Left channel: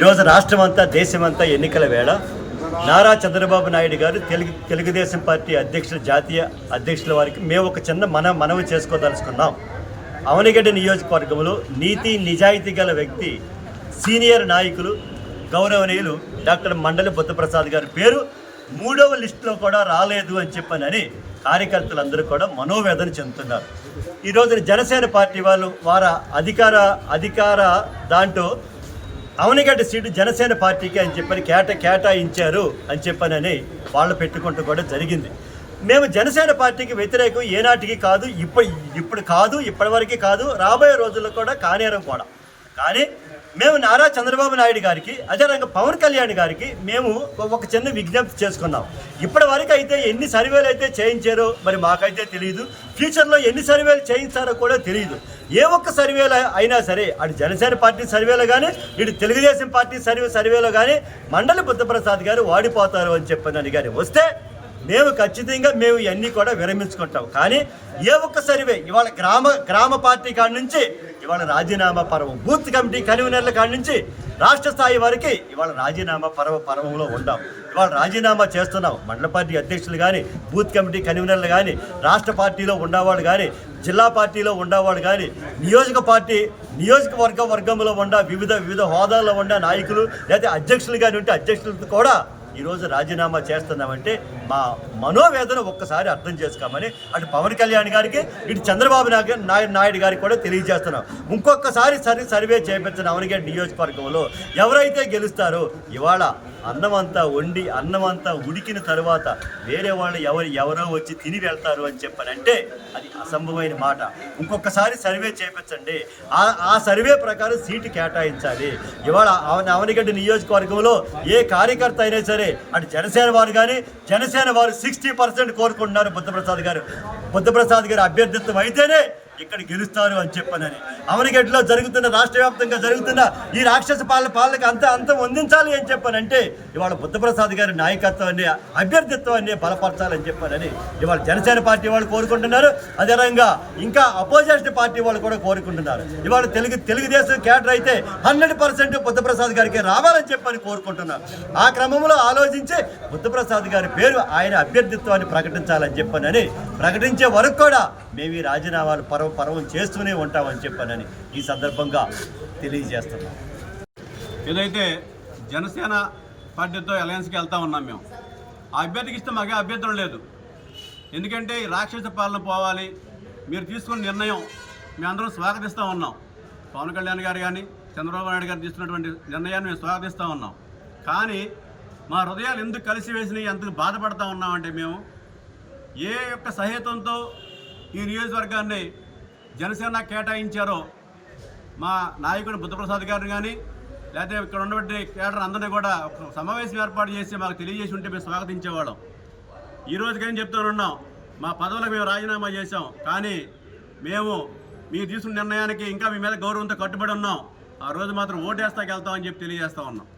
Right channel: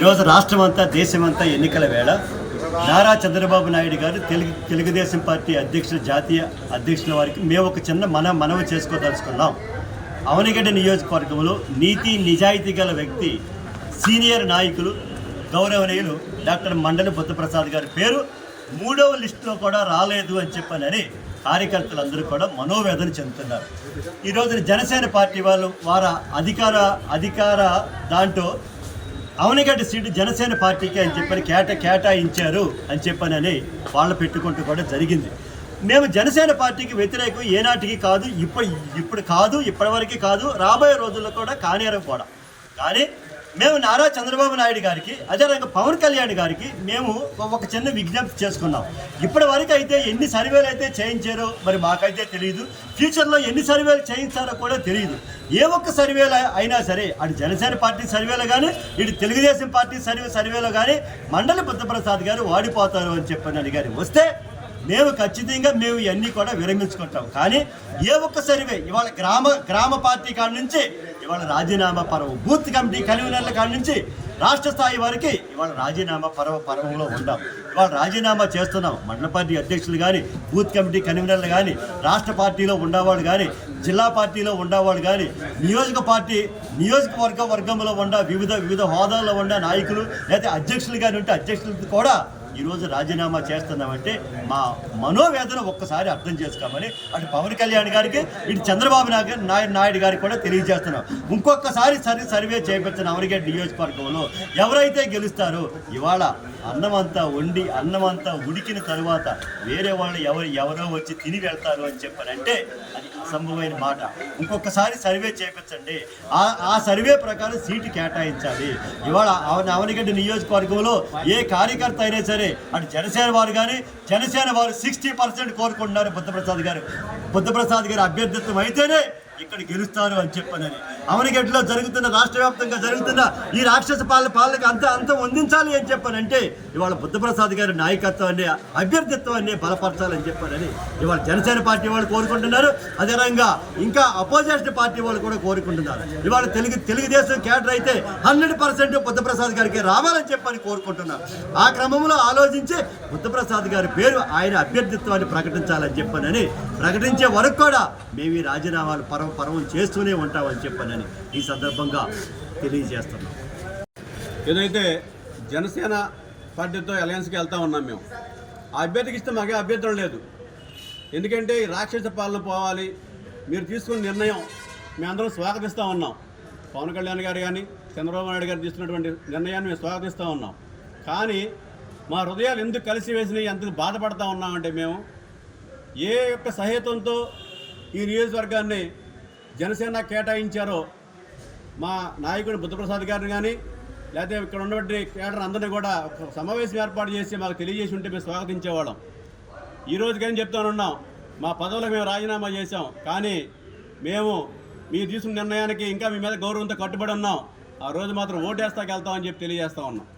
ఈరోజు రాష్ట్రమంతా దేశమంతా ఎన్నికల వేళ నారా చంద్రబాబు నాయుడు గారు తెలుగు తెలుగుదేశం పార్టీ అధ్యక్షులు జాతీయ అధ్యక్షుల వారికి మేము ఒక చిన్న మన మనవి చేసుకోదలుచుకున్నాం. అవనిగడ్డ నియోజకవర్గంలో నీతి నిజాయితీ గల వ్యక్తి సీనియర్ నాయకులు గౌరవనీయులు డాక్టర్ మండలి బుద్ధప్రసాద్ గారి పేరు మూడవ లిస్టులో కూడా రాలేదు అని చెప్పనని కార్యకర్తలందరూ కూడా మనోవేదన చెందుతున్నారు. ఈ రోజున జనసేన పార్టీ వాళ్ళు వారి అధికార అధికార దాంట్లో అవనిగడ్డ సీటు జనసేన పార్టీకి అని చెప్పని కేట కేటాయించారు అని చెప్పనని వాళ్ళు పెట్టుకుంటూ కూడా జరిగింది. మేము జనసేన పార్టీకి వ్యతిరేకం ఏనాటికి కాదు ఇప్పుడు ఇప్పుడు కాదు ఇప్పటివరకు కాదు రాబోయే రోజుల్లో కూడా కానేరం కూడా. కానీ మేము నారా చంద్రబాబు నాయుడు గారికి అదేవిధంగా పవన్ కళ్యాణ్ గారికి మేము ఒక చిన్న విజ్ఞప్తి చేసుకున్నాం. ఇప్పటి వరకు అయితే ఎన్ని సర్వేలు అయితే చేయించారో మరి మాకైతే తెలియదు ఫ్యూచర్లో ఎన్ని సర్వేలు చేయించారో కూడా తెలియదు ఏ ఒక్క సర్వేలు అయినా సరే అటు జనసేన పార్టీ సర్వేలో కానీ ఇటు తెలుగుదేశం పార్టీ సర్వే సర్వేలో కానీ మండలి బుద్ధప్రసాద్ గారు వాడిపోతారు అని చెప్పని గారు వస్తే మేము ఖచ్చితంగా మేము ఇవన్నీ కూడా విరమించుకుంటాం. కానీ ఏ ఒక్క సర్వే ఇవాళ గ్రామ గ్రామ పార్టీ కాడి నుంచి ఇవాళ రాజీనామా పర్వం. బూత్ కమిటీ కన్వీనర్ల కాడి నుంచి రాష్ట్ర స్థాయి వరకు ఇవాళ రాజీనామా పర్వ పర్వంలో ఉండాం. ఇవాళ రాజీనామా చేస్తున్నాం. మండల పార్టీ అధ్యక్షులు కానీ బూత్ కమిటీ కన్వీనర్లు కానీ రాష్ట్ర పార్టీలో ఉండేవాళ్ళు కానీ జిల్లా పార్టీలో ఉండేవాళ్ళు కానీ నియోజక పార్టీ నియోజకవర్గ వర్గంలో ఉండ వివిధ వివిధ హోదాల్లో ఉండే నాయకులు లేదా అధ్యక్షులు కానీ ఉంటే అధ్యక్షులతో కూడా ఈరోజు రాజీనామా చేస్తున్నామంటే మా మనోవేదన ఒక్కసారి అర్థం చేసుకోమని అటు పవన్ కళ్యాణ్ గారికి ఇటు చంద్రబాబు నాయుడు నాయుడు నాయుడు గారికి కూడా తెలియజేస్తున్నాం. ఇంకొకసారి సరి సర్వే చేపించిన అవనిగడ్డ నియోజకవర్గంలో ఎవరైతే గెలుస్తారో ఇవాళ అన్నమంతా వండి అన్నమంతా ఉడికిన తర్వాత వేరే వాళ్ళు ఎవరు ఎవరో వచ్చి తిని వెళ్తారు అని చెప్పనంటే అది అసంభవమైన మాట. ఇంకొకసారి సర్వే చేపించండి. ఆ ఆ సర్వే ప్రకారం సీటు కేటాయించాలి. ఇవాళ అవనిగడ్డ నియోజకవర్గంలో ఏ కార్యకర్త అయినా సరే అటు జనసేన వారు కానీ జనసేన వారు సిక్స్టీ పర్సెంట్ కోరుకుంటున్నారు బుద్ధప్రసాద్ గారు. బుద్ధప్రసాద్ గారు అభ్యర్థిత్వం అయితేనే ఇక్కడ గెలుస్తారు అని చెప్పనని. అవనిగడ్డలో జరుగుతున్న రాష్ట్ర వ్యాప్తంగా జరుగుతున్న ఈ రాక్షస పాలన పాలనకు అంత అంతం అందించాలి అని చెప్పానంటే ఇవాళ బుద్ధప్రసాద్ గారి నాయకత్వాన్ని అభ్యర్థిత్వాన్ని బలపరచాలని చెప్పానని ఇవాళ జనసేన పార్టీ వాళ్ళు కోరుకుంటున్నారు. అదేవిధంగా ఇంకా అపోజిషన్ పార్టీ వాళ్ళు కూడా కోరుకుంటున్నారు. ఇవాళ తెలుగు తెలుగుదేశం క్యాడర్ అయితే హండ్రెడ్ పర్సెంట్ బుద్ధప్రసాద్ గారికి రావాలని చెప్పని కోరుకుంటున్నారు. ఆ క్రమంలో ఆలోచించి బుద్ధప్రసాద్ గారి పేరు ఆయన అభ్యర్థిత్వాన్ని ప్రకటించాలని చెప్పానని ప్రకటించే వరకు కూడా మేము ఈ రాజీనామాలు పరవ పరవం చేస్తూనే ఉంటామని చెప్పనని ఈ సందర్భంగా తెలియజేస్తున్నాం. ఏదైతే జనసేన పార్టీతో అలయన్స్కి వెళ్తా ఉన్నాం మేము ఆ అభ్యర్థికి ఇస్తే మాకే అభ్యంతరం లేదు. ఎందుకంటే ఈ రాక్షస పాలన పోవాలి మీరు తీసుకున్న నిర్ణయం మేమందరం స్వాగతిస్తూ ఉన్నాం. పవన్ కళ్యాణ్ గారు కానీ చంద్రబాబు నాయుడు గారు తీసుకున్నటువంటి నిర్ణయాన్ని మేము స్వాగతిస్తూ ఉన్నాం. కానీ మా హృదయాలు ఎందుకు కలిసి వేసినాయి ఎంత బాధపడతా ఉన్నామంటే మేము ఏ యొక్క సహేతంతో ఈ నియోజకవర్గాన్ని జనసేన కేటాయించారో మా నాయకుడు బుద్ధప్రసాద్ గారిని కానీ లేకపోతే ఇక్కడ ఉన్నటువంటి కేడర్ అందరినీ కూడా ఒక సమావేశం ఏర్పాటు చేసి మాకు తెలియజేసి ఉంటే మేము స్వాగతించేవాళ్ళం. ఈ రోజుకని చెప్తానున్నాం మా పదవులకు మేము రాజీనామా చేశాం కానీ మేము మీరు తీసుకున్న నిర్ణయానికి ఇంకా మీ మీద గౌరవంతో కట్టుబడి ఉన్నాం. ఆ రోజు మాత్రం ఓటేస్తాకి వెళ్తామని చెప్పి తెలియజేస్తా ఉన్నాం.